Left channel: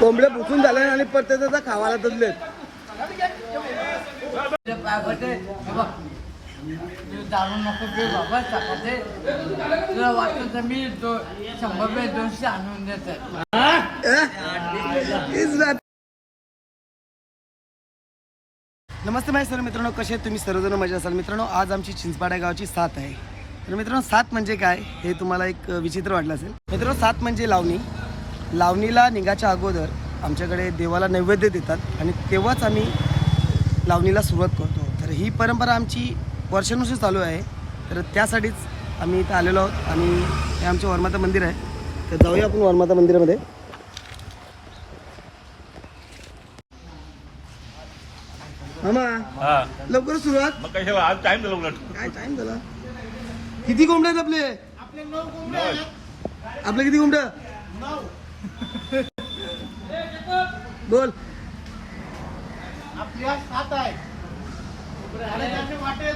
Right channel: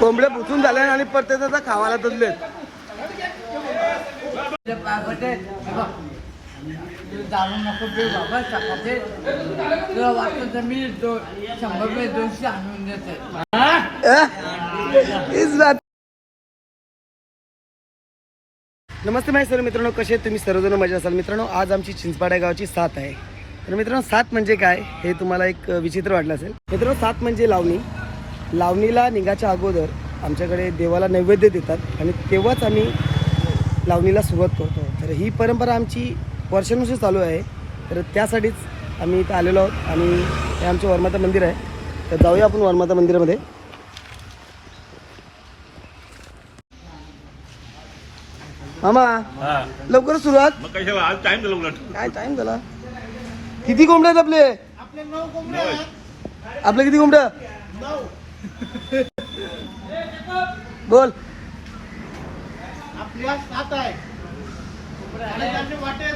कोंबडे पुसून झाले आणि प्रत्येकाचा खावायला तसले जाणून नको ते बाबा सकाळचे तुला वाटतं तर मी दो शंभर रुपये दोनशे आणून देते इस बात. नमस्ते माझे सर्व मित्रांनो कसे तुम्ही? सर्वजण मजा असाल. मित्रांनो आज आमची चिंचपाड्या गावची साथ आहे. तर मित्रांनो सात म्हणजे काय? हे तुम्हाला एक विचित्र वाटलं असेल. मित्रांनो सात म्हणजे लावणी. लावणीला निघाच्या अगोदर आमच्याकडे देवाला नैवेद्य देतात आणि तेव्हाच आम्ही लावणीला सुरुवात करतो. तर ही परंपरा आमची वर्षानुवर्ष चालू आहे. तर त्यासाठीच आम्ही इथं आलेलो आहोत आणि हे आमचं वर्माता मंदिर आहे. तर जाऊया आपण वर्माता मंदिरामध्ये. मामा लवकर सुरुवात. काय टाइम झाला किती कोंबड्या आहेत आपले? आपले किती कोंबड्या? बोल. आपल्या सात आहे. वाटे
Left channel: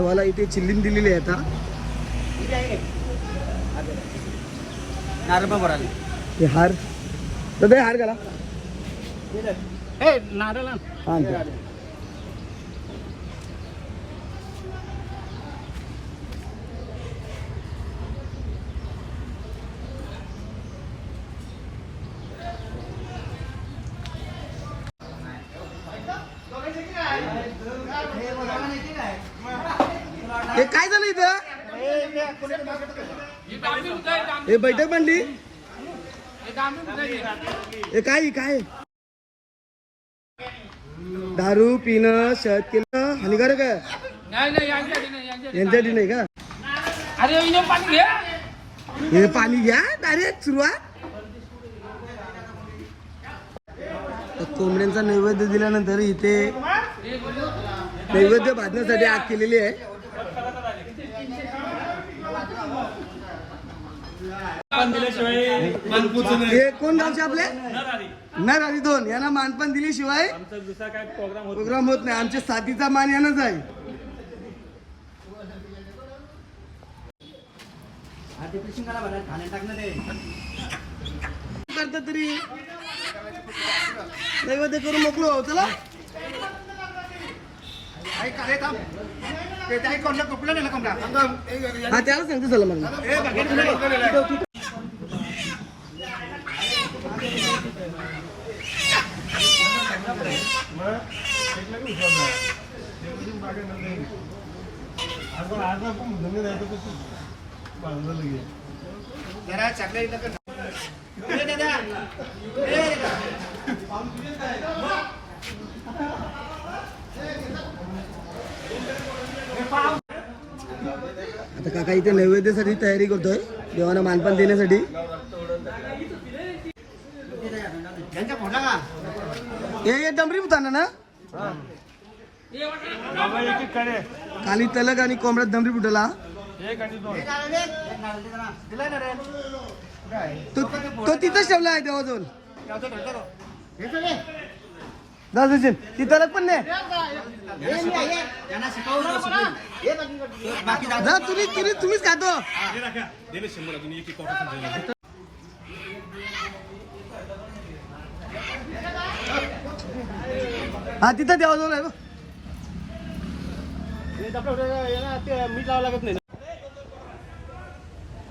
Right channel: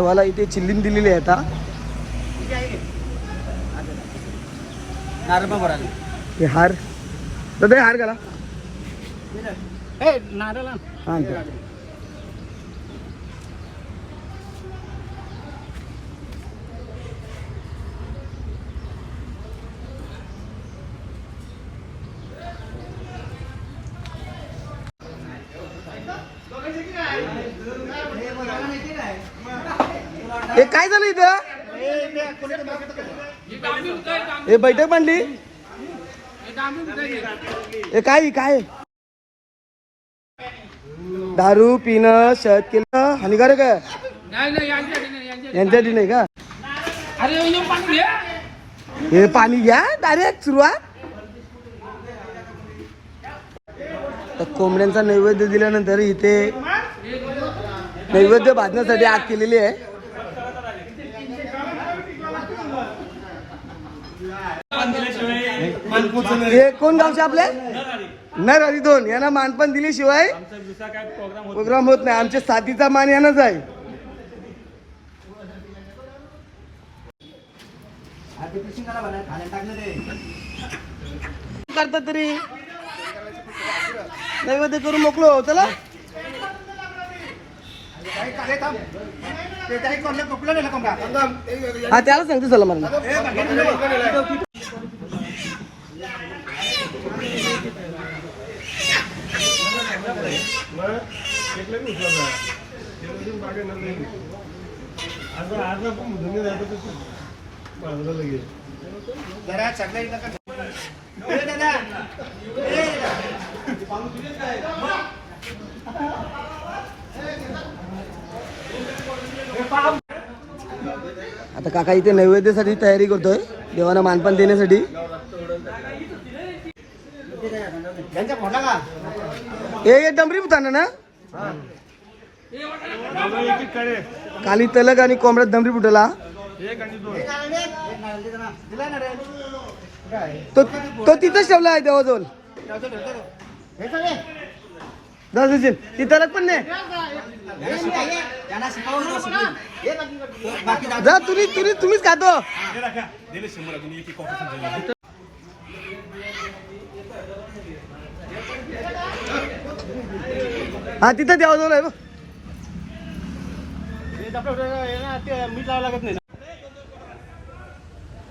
देवाला इथे चिल्लीन दिलेली आहे आता. हे हार. दादा हार घाला. हा, इथे. हे काय झालं इथं हे बैठक मांडली हे काय काय? दारू पिणं शहद केलं हानिकारक आहे. यांच्यासाठी नाही का. हे पाणी घ्या डायरेक्ट सुरुवात. कोंबड्यांचा नैवेद्य दिल्यानंतर इथे नैवेद्य भाजण्यासाठी आग केलेली आहे. हे कोण गावचे आपले? नर हरी दोन. यांना मानपण दिल्याशिवाय प्रोग्राम होत नाही. आमच्या साथीचा मान यानंच आहे. करतात तरी. नैवेद्य करून मोकलो हो, चला. हा त्याला सांगते चला मला आता काका इथे नैवेद्यासाठी तयारी करतोय. देवाला मानपान देण्यासाठी. हे हे डंबरी ना काली तलक आणि कोंबड्यात दमरी फुटला तो तो तिथंच ठेवला आहे देवाजवळ. जा सचिन ती तलक पण नाही. जा तुम्ही तुम्हीच खातो. हा तिथं देवाजवळ आहे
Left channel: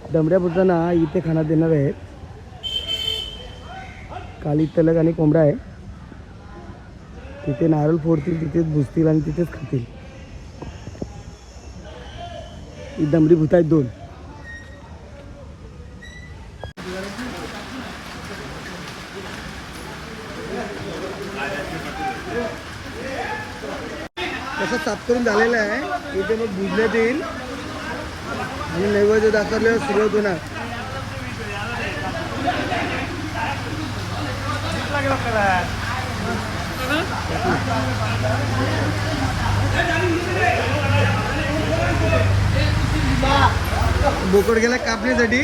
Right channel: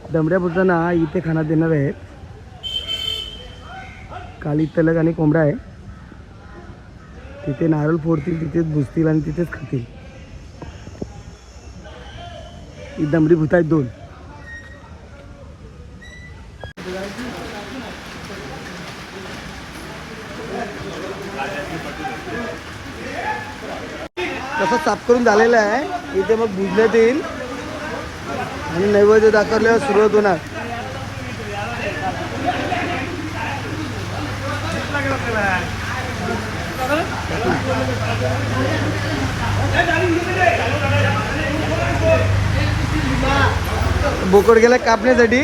डमऱ्या दमऱ्या इथे खाना देणार आहे. काली तलग आणि कोंबडा आहे. तिथे नारळ फोडतील तिथेच भुजतील आणि तिथेच खातील. ही दमडी भूत आहेत दोन. करून झालेलं आहे. इथे मग भुजण्यात येईल. मी नैवेद्य दाखवल्यावर सुरुवात होणार. बोकड गेला कापण्यासाठी.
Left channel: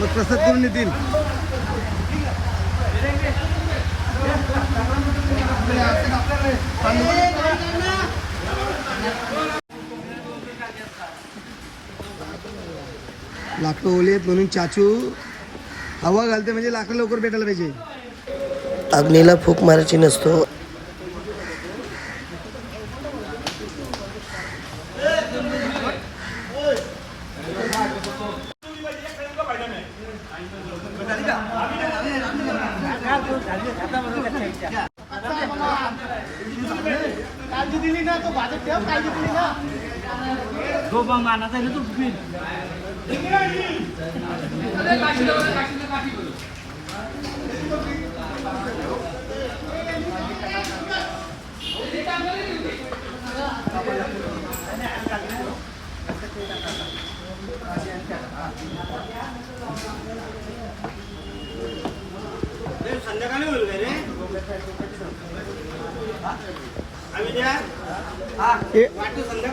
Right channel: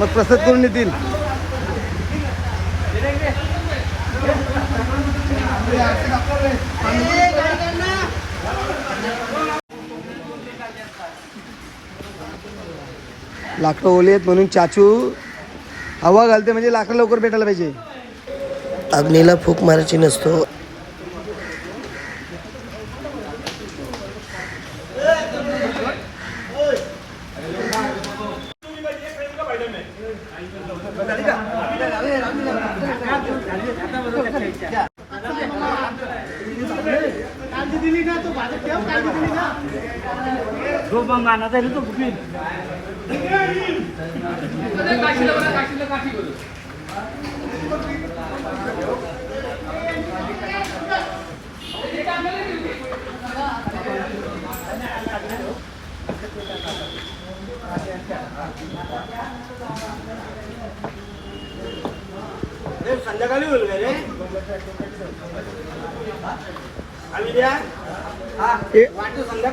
मग प्रसाद करून येतील. लाकडं ओले आहेत म्हणून चाचू हवा घालते म्हणजे लाकडं लवकर भेटायला पाहिजे. अग्नीला फूक मारायची नसतो.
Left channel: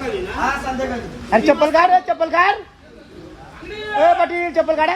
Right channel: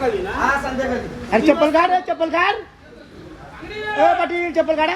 अरे चप्पल काढ चप्पल काढ. ए पाटील चप्पल काढा.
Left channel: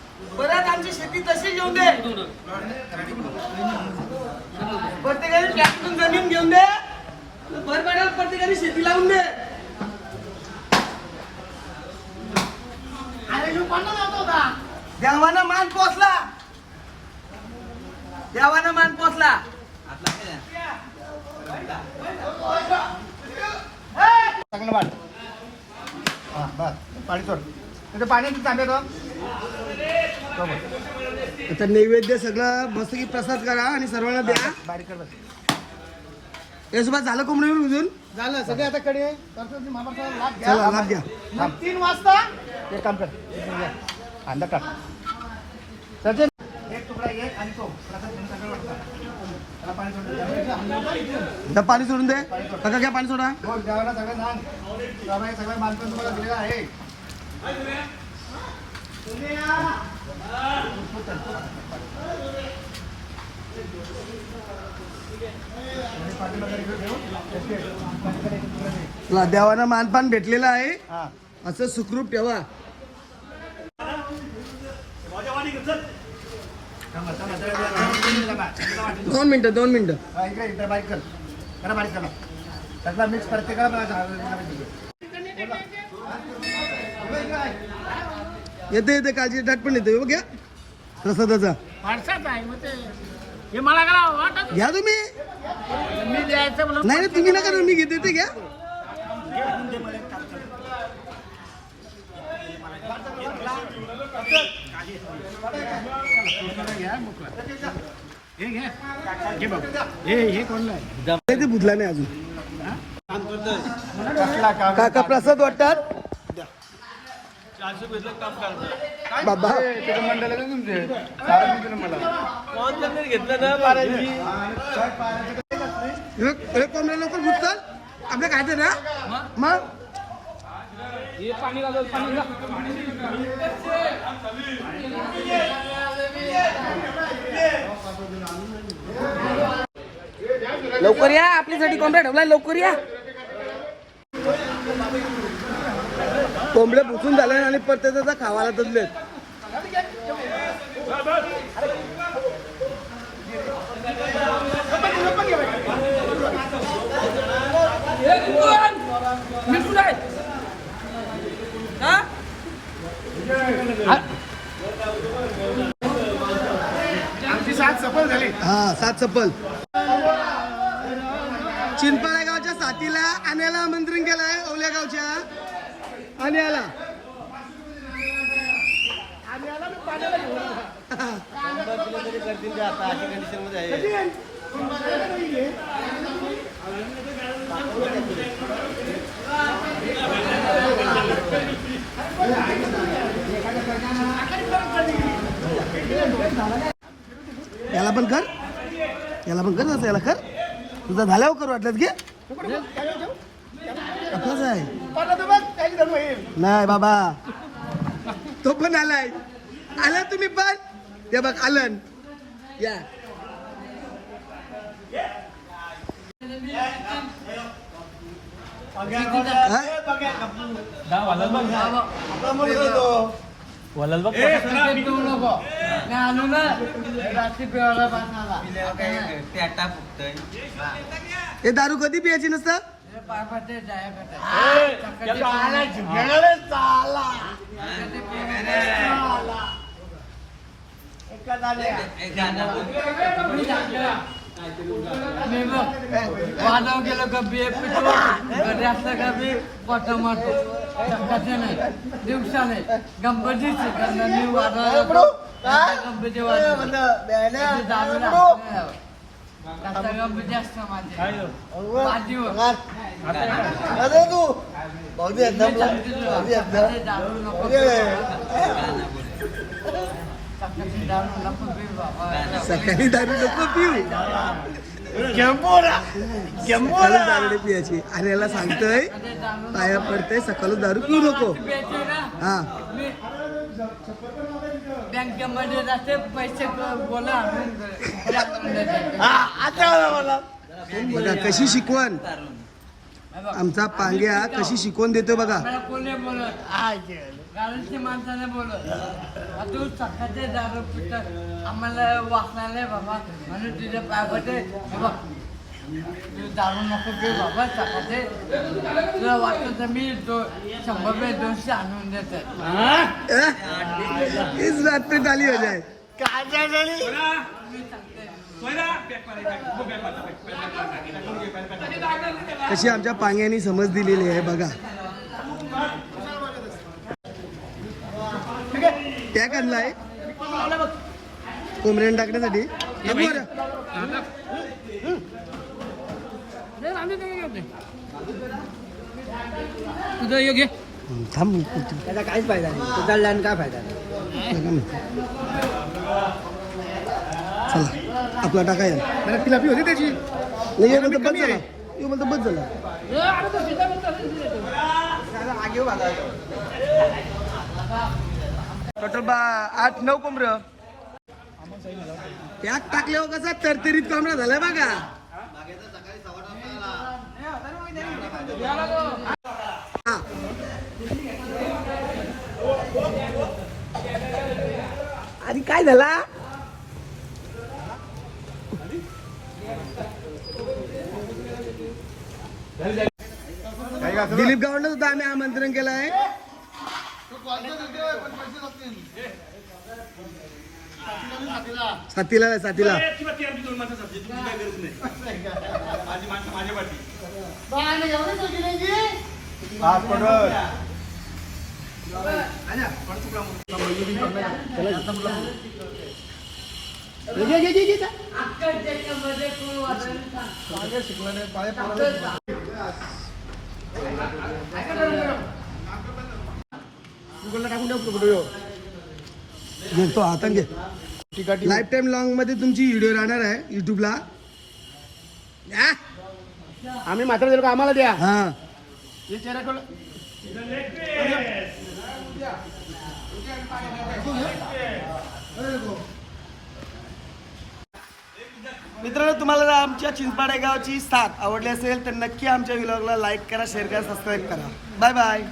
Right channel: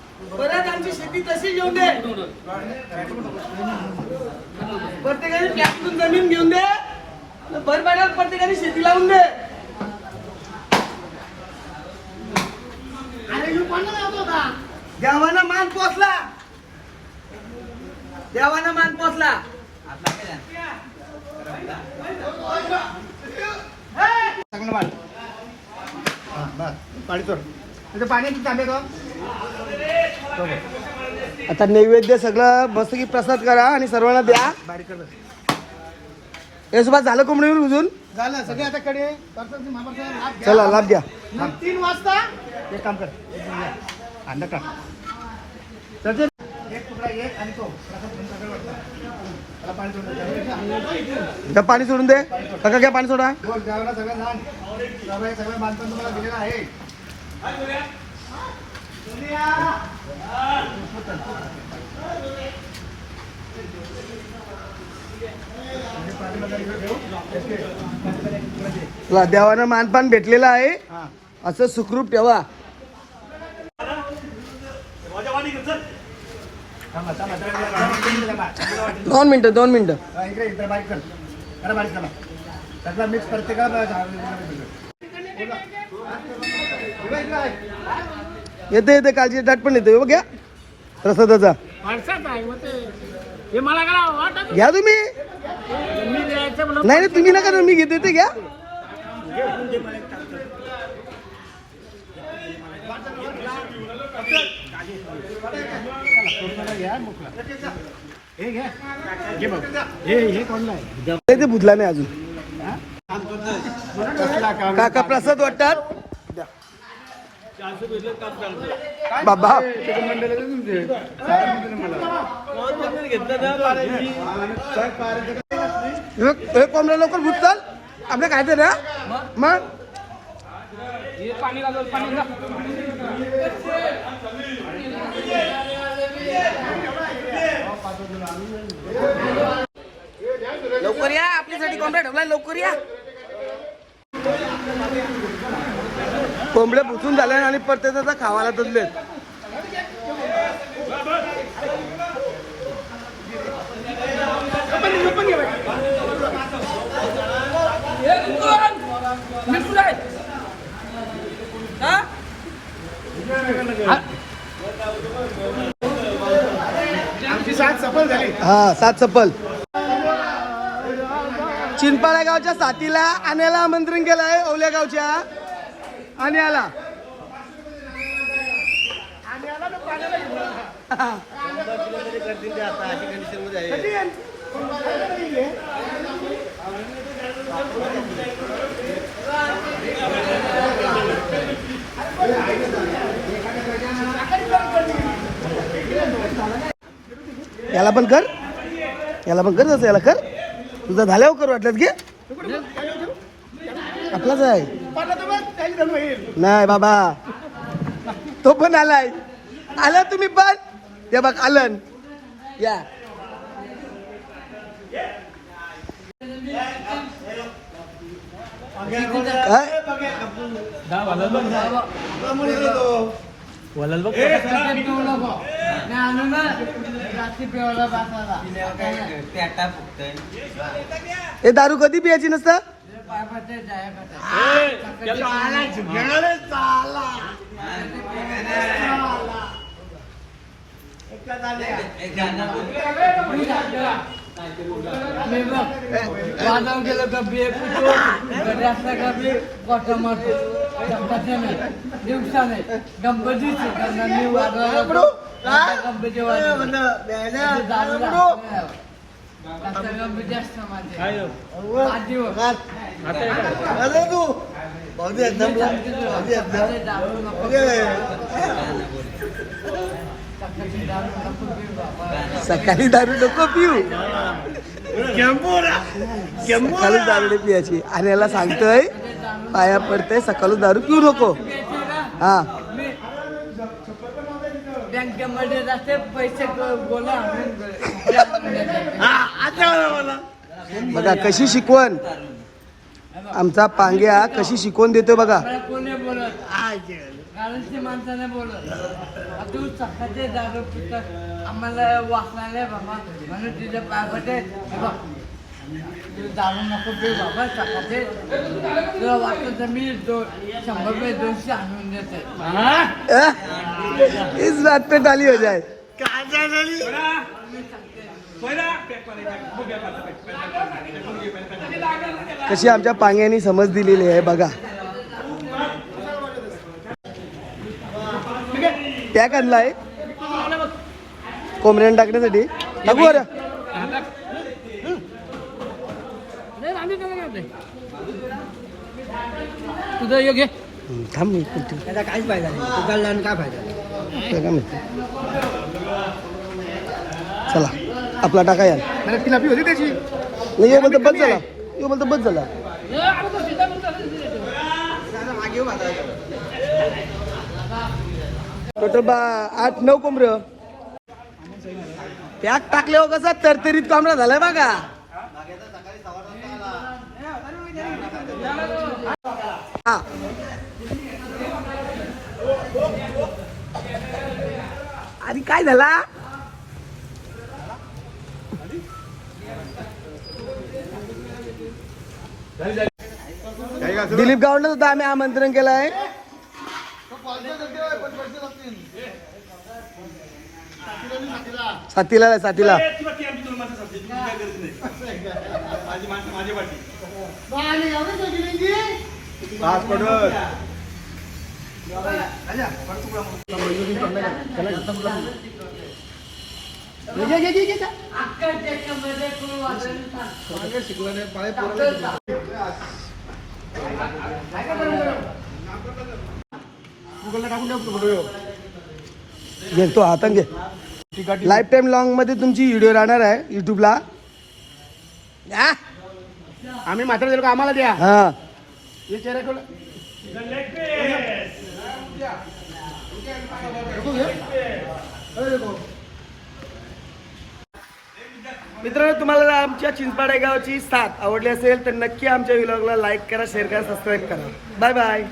परत आमची शेती तशी घेऊन दे. प्रत्येकाने ट्रॅक्टरून जमीन घेऊन दे. बरबड्यावर प्रत्येकाने शेती लावून दे. देवाना मान पोचला देवाना मान पोचला चांगलं. पाणी सोड. इथे पाणी तांबे तो आता नैवेद्य सगळं मस्त की प्रसाद करा आणि सर्वांना द्या. यासोबत झालं कोंबडीवर उजून? झालं सगळे आता कडे. चला लाभ द्या मग तीन वाजता? एक काम कर. अंडा का सचिन एक तुकडा घे आणि तो. प्रसाद घेऊन सगळं वाटतं. त्याला पाणी सोडून दे. काका घ्या पाणी सोडा. सगळं सगळं मानपान तुम्हाला दिलेलं आहे. देवानं मानपान भेटलेलं आहे. असं सुखरूप ठेवा. दोन मिनिटं दोन मिनिटं. मिक्स प्रत्येकाला येते येते काळजी दाट पण येते. बघ घ्या. प्रसादाचा हे मला काय वाटत घ्या तुम्ही. मी द्यायचं म्हणून नाही नाही तुम्ही नका ना, मी घेते ते घ्या. हे घे घे बघ. हे हे कोणला आहे नाही, ते बुधला नाही अजून. कसला काम काका प्रसाद वाटतात? बाबा. हे कोंबड्या लवकर भूत आपलं काय ते ना मग? लवकर या आपल्यासाठी कोंबड्या ठेवलाय लवकर या. कोंबड्या पुसून झालाय आणि परत आता खावायला तसले आमची साथ सफल झाली. हा सात चप्पल चिंपाळा गावच्या साथीला आण्याला आमंत्रण केलं आहे ओल्या गावच्या. आण्याला याला पण कर. याला पण कर तसं याला कर. तुझं झाल्यावर कर वाटलं की आपलाच आहे. नाही बाबा. तो पण आलाय. आला तुम्ही पण? ते बघ आलन. या. हे दारू कधी पियाची नसतं? पाय पाटे जाया मी बघ वादव गेलो का बिये पितो घरी असला का बी कोटा मारतो चक्काचे नाही दिवसा नाही गणपती त्यांना मी वाजवायला गणपती वाजवतो दारू सकाळी दारू नको पिऊ. सकाळी दारू पियाची. आणि याला सांगतोय पाया पडतंय सकाळी दारू पिऊ नको. हा. बँकेमध्ये जाते पैसे आणून बघा कशी शिकवण? आमचा पांग्या कशी शिकवण देतोय बघा. कोणी बोलत? गाडीची माणसाने बोलत. आ, तू सकाळचे दारू पितात. आम्हाला वाचणार नाही बाबा म्हणून तुझे पाय तू दारू नको पिऊ बाबा सकाळचे तुला वाटलं तर मी दो शंभर मी दोनशे आणून देते? इस बात पे ताली हो जाए. कशी आमच्या पांग्यानी समज दिलेली आहे बघा. टॅग आणलाय. कोंबड्यान टाकण्यासाठी. तुझं ये घे. थांब मी करतो. तुला काय माहिती? चला आपला टाका याल तिला पी होती त्याची. नाही बोलतो बस झाला. यो बोलतो बस झाला. टोटल बा आठ नऊ कोंबड पॅक टाकल्यावर कसा? तरतरीत कोंबडा झालाय बघा. हा. आणि काय झाला? दिलीप गावडनं सुद्धा आम्ही आमंत्रण केलं आहे साथीला. आहे, साथीला घे तो हातात घे लाईफ टाईम लॉंगमध्ये तुमची व्हिडिओ राहणार आहे युट्यूबला आम्ही मात्र गेलो का? आम्हाला द्या. हा. चेहरा मित्रांनो तुम्हाला जर आमच्या चिंचपाडे गावची साथ आवडली असेल तर नक्की आमच्या व्हिलॉगला लाईक करा शेअर करा सबस्क्राईब करा. Bye bye